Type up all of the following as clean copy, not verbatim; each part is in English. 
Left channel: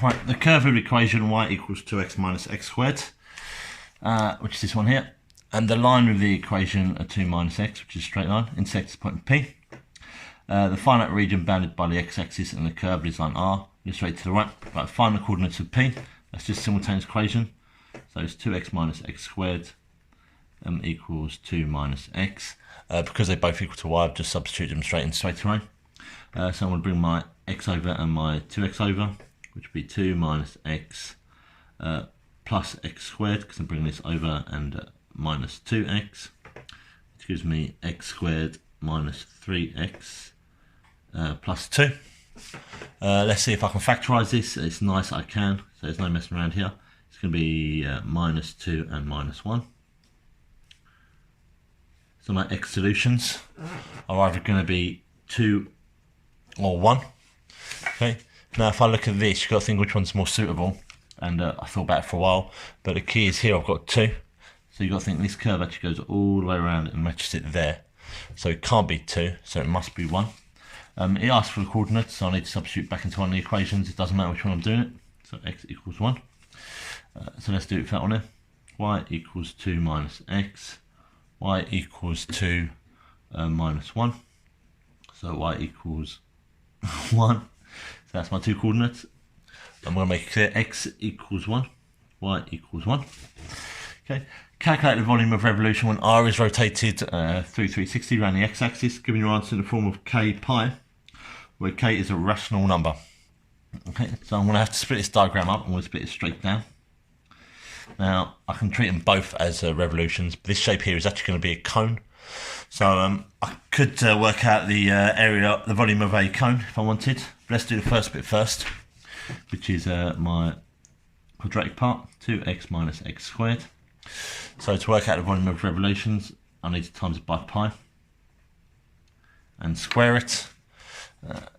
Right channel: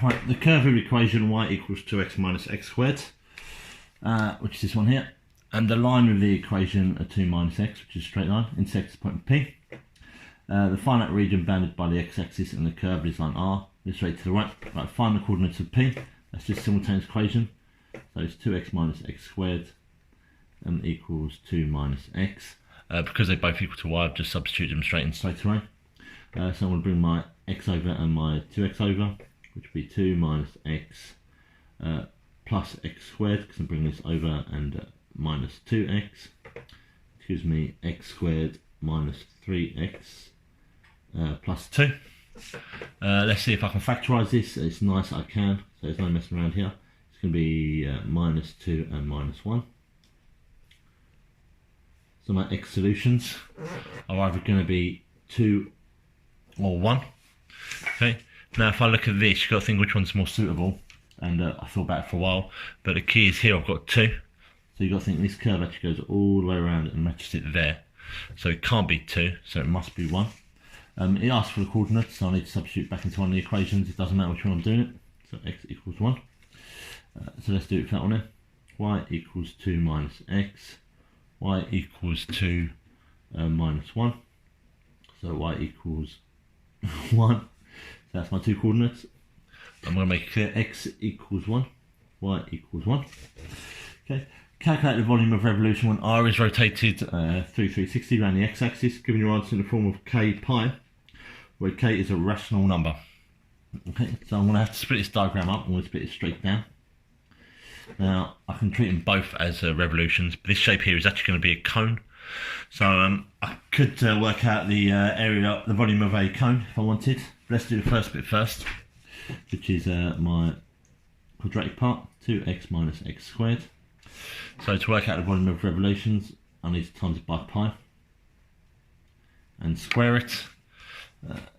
Right, the curve of the equation y equals 2x minus x squared, which is this one here, and the line of the equation are 2 minus x, which is a straight line, intersects the point P. The finite region bounded by the x-axis and the curve is line R, goes straight to the right. Right, find the coordinates of P. That's just a simultaneous equation. So it's 2x minus x squared equals 2 minus x. Because they both equal to y, I've just substituted them straight away. So I'm going to bring my x over and my 2x over, which would be 2 minus x plus x squared, because I'm bringing this over, and minus 2x, which gives me x squared minus 3x plus 2. Let's see if I can factorise this. It's nice I can, so there's no messing around here. It's going to be minus 2 and minus 1. So my x solutions are either going to be 2 or 1. Okay. Now if I look at this, you've got to think which one's more suitable, and I thought about it for a while, but the key is here I've got 2. So you've got to think this curve actually goes all the way around and matches it there. So it can't be 2, so it must be 1. It asks for the coordinates, so I need to substitute back into one of the equations. It doesn't matter which one I'm doing it. So x equals 1. So let's do it for that one here. Y equals 2 minus x. Y equals 2 minus 1. So y equals 1. So that's my 2 coordinates. I'm going to make it clear. X equals 1. Y equals 1. Okay. Calculate the volume of revolution when r is rotated through 360 around the x-axis, giving your answer in the form of k pi, where k is a rational number. Okay, so I'm going to have to split this diagram up, and we'll split it straight down. Now, I can treat them both as revolutions, but this shape here is actually going to be a cone. So I could work out the area, the volume of a cone if I wanted. Let's do the first bit first, which is my quadratic part, 2x minus x squared. So to work out the volume of revolutions, I need to times it by pi and square it.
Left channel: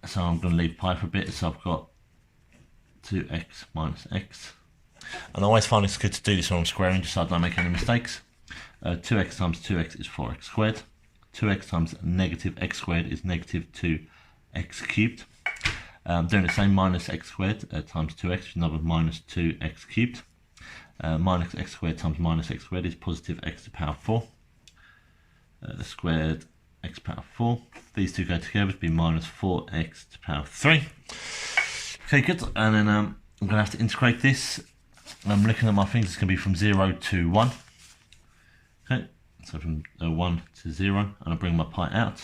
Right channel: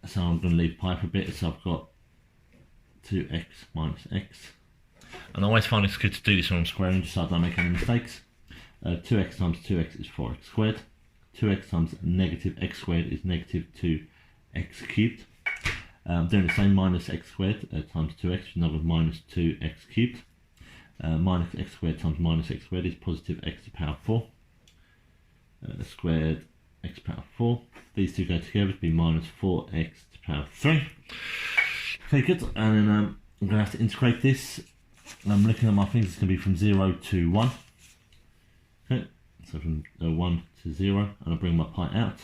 So I'm going to leave pi for a bit, so I've got 2x minus x. And I always find it's good to do this when I'm squaring, just so I don't make any mistakes. 2x times 2x is 4x squared. 2x times negative x squared is negative 2x cubed. I'm doing the same, minus x squared times 2x, which is another minus 2x cubed. Minus x squared times minus x squared is positive x to the power 4. Squared x to the power 4. These two go together to be minus 4x to the power 3. Okay, good. And then I'm going to have to integrate this. I'm looking at my things, it's going to be from 0 to 1. Okay, so from 1 to 0, and I bring my pi out.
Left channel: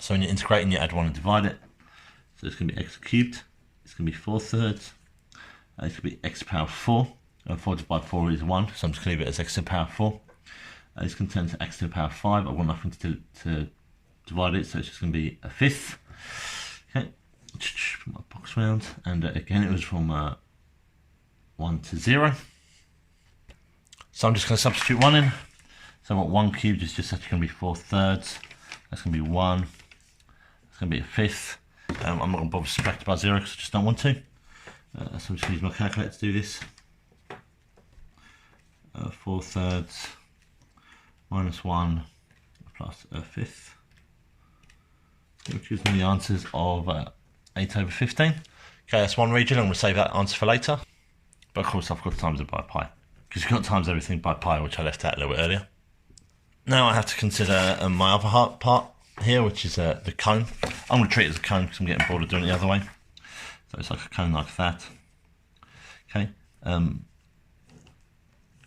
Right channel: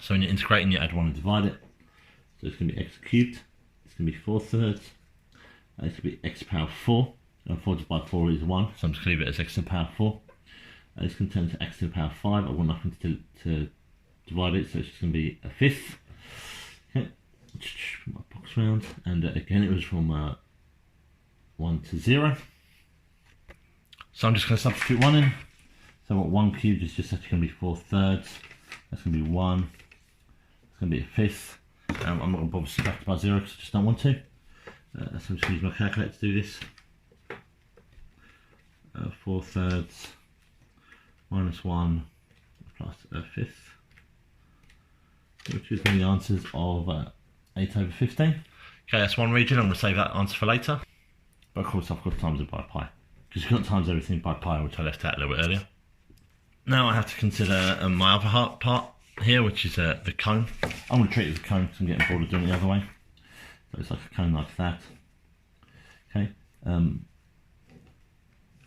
So when you're integrating, you add 1 and divide it. So it's going to be x cubed. It's going to be 4/3. It's going to be x to the power 4. 4 divided by 4 is 1, so I'm just going to leave it as x to the power 4. It's going to turn to x to the power 5. I want nothing to divide it, so it's just going to be a fifth. Okay, put my box round, and again it was from 1 to 0. So I'm just going to substitute 1 in. So what 1 cubed is just actually going to be 4/3. That's going to be 1. That's going to be a fifth. I'm not going to bother subtracting by 0 because I just don't want to. So I'm just going to use my calculator to do this. 4/3 minus 1 plus a fifth, which gives me the answers of 8/15. Okay, that's one region. I'm going to save that answer for later. But of course I've got to times it by pi, because you can't times everything by pi, which I left out a little bit earlier. Now I have to consider my other part here, which is the cone. I'm going to treat it as a cone because I'm getting bored of doing it the other way. So it's like a cone like that. Okay. And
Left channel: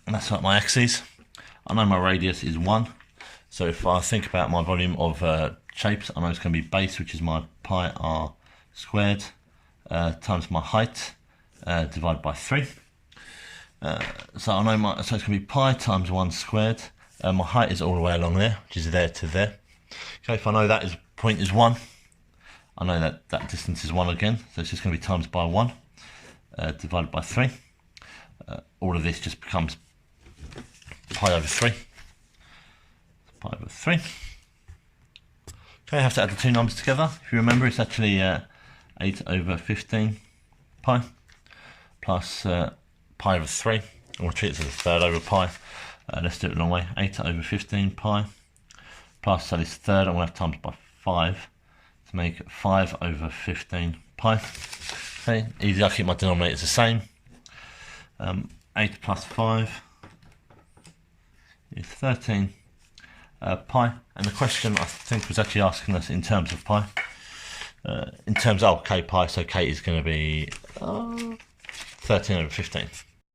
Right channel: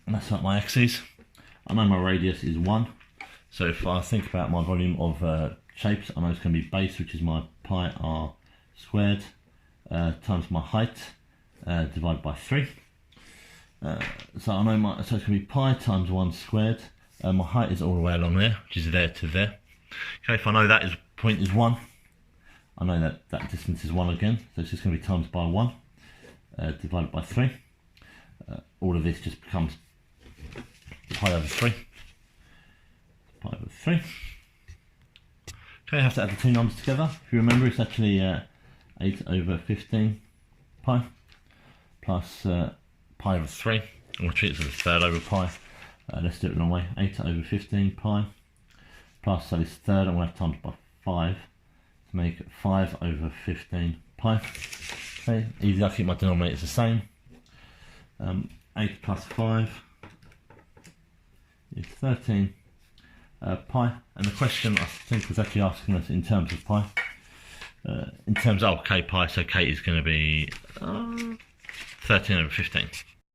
that's like my axes. I know my radius is 1. So if I think about my volume of shapes, I know it's going to be base, which is my pi r squared, times my height, divided by 3. So I know so it's going to be pi times 1 squared. My height is all the way along there, which is there to there. Okay, if I know that point is 1, I know that distance is 1 again. So it's just going to be times by 1, divided by 3. All of this just becomes pi over 3. Pi over 3. Okay, I have to add the two numbers together. If you remember, it's actually 8/15 pi plus pi over 3. And we'll treat it as a third over pi. Let's do it the long way. 8/15 pi plus, so this third I'm going to have times by 5 to make 5/15 pi. Okay, easy, I'll keep my denominators the same. 8 plus 5 is 13 pi, and the question I think was actually asking us in terms of pi. In terms of k pi, so k is going to be 13 over 15.